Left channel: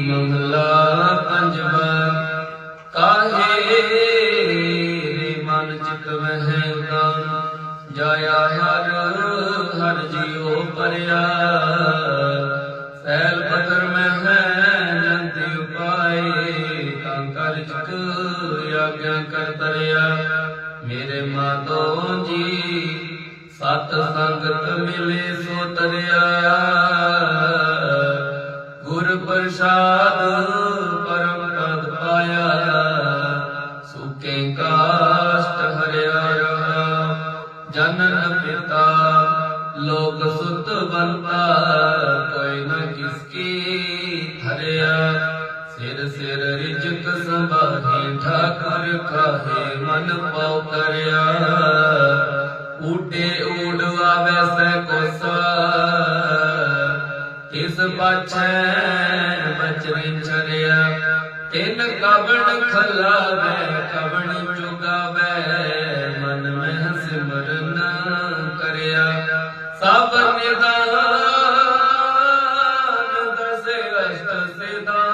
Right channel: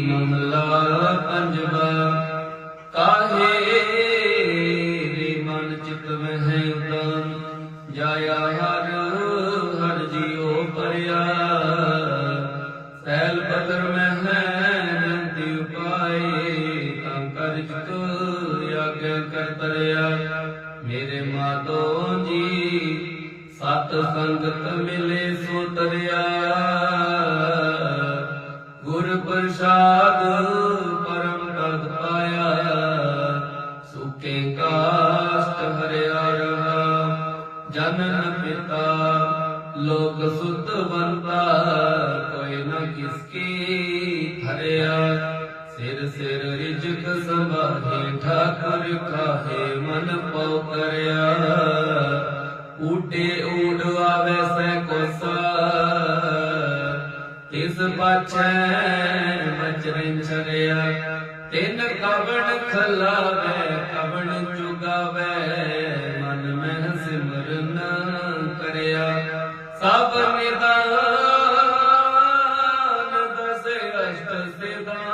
ਮਹਲਾ ਪੰਜਵਾ ਕਾਹੇ ਮਨ ਚਿਤ ਵਹਿ ਤਮ ਜਾਇਆ ਹਰ ਹਰ ਜੀਉ ਪਰਿਆ। ਸੈਲ ਪਤਰ ਮਹਿ ਜੰਤੀ ਉਪਾਏ, ਤਾਂ ਕਰ ਚਿਤ ਆਗਿਆ ਕਰ ਤਰਿਆ। ਮੇਰੇ ਮਾਤੋ ਜੀ, ਸਤ ਸੰਗਤ ਮਿਲੇ ਸੋ ਤਰਿਆ। ਪ੍ਰਸਾਦ ਪਰਮ ਪਦ ਪਾਇਆ। ਸੁਕੇ ਕਾਸ਼ਟ ਹਰਿਆ ਰਹਾ ਜਨਨ ਪਿਤਾ ਲੋਕ ਸੁਤ ਬੰਤਾ, ਕੋਈ ਨਾ ਕਿਸਕੀ ਹਰਿਆ ਸਿਰ ਸਿਰ ਰਿਜਕ ਸੰਭਾਹੇ, ਠਾਕੁਰ ਕਾਹੇ ਮਨ ਪਉ ਕਰਿਆ। ਊਟੇ ਤਿਸ ਪਾਛੈ ਬਚਰਿ ਚਰਿਆ ਤਿਨ ਕਵਣ ਖਲਾਵੇ, ਕਵਣ ਚੁਗਾਵੇ, ਮਨ ਮਹਿ ਸਿਮਰਨ ਕਰਿਆ। ਸਭ ਨਿਦਾਨ ਦਸੇ ਅਸ਼ਟ ਸਿਧਾਨ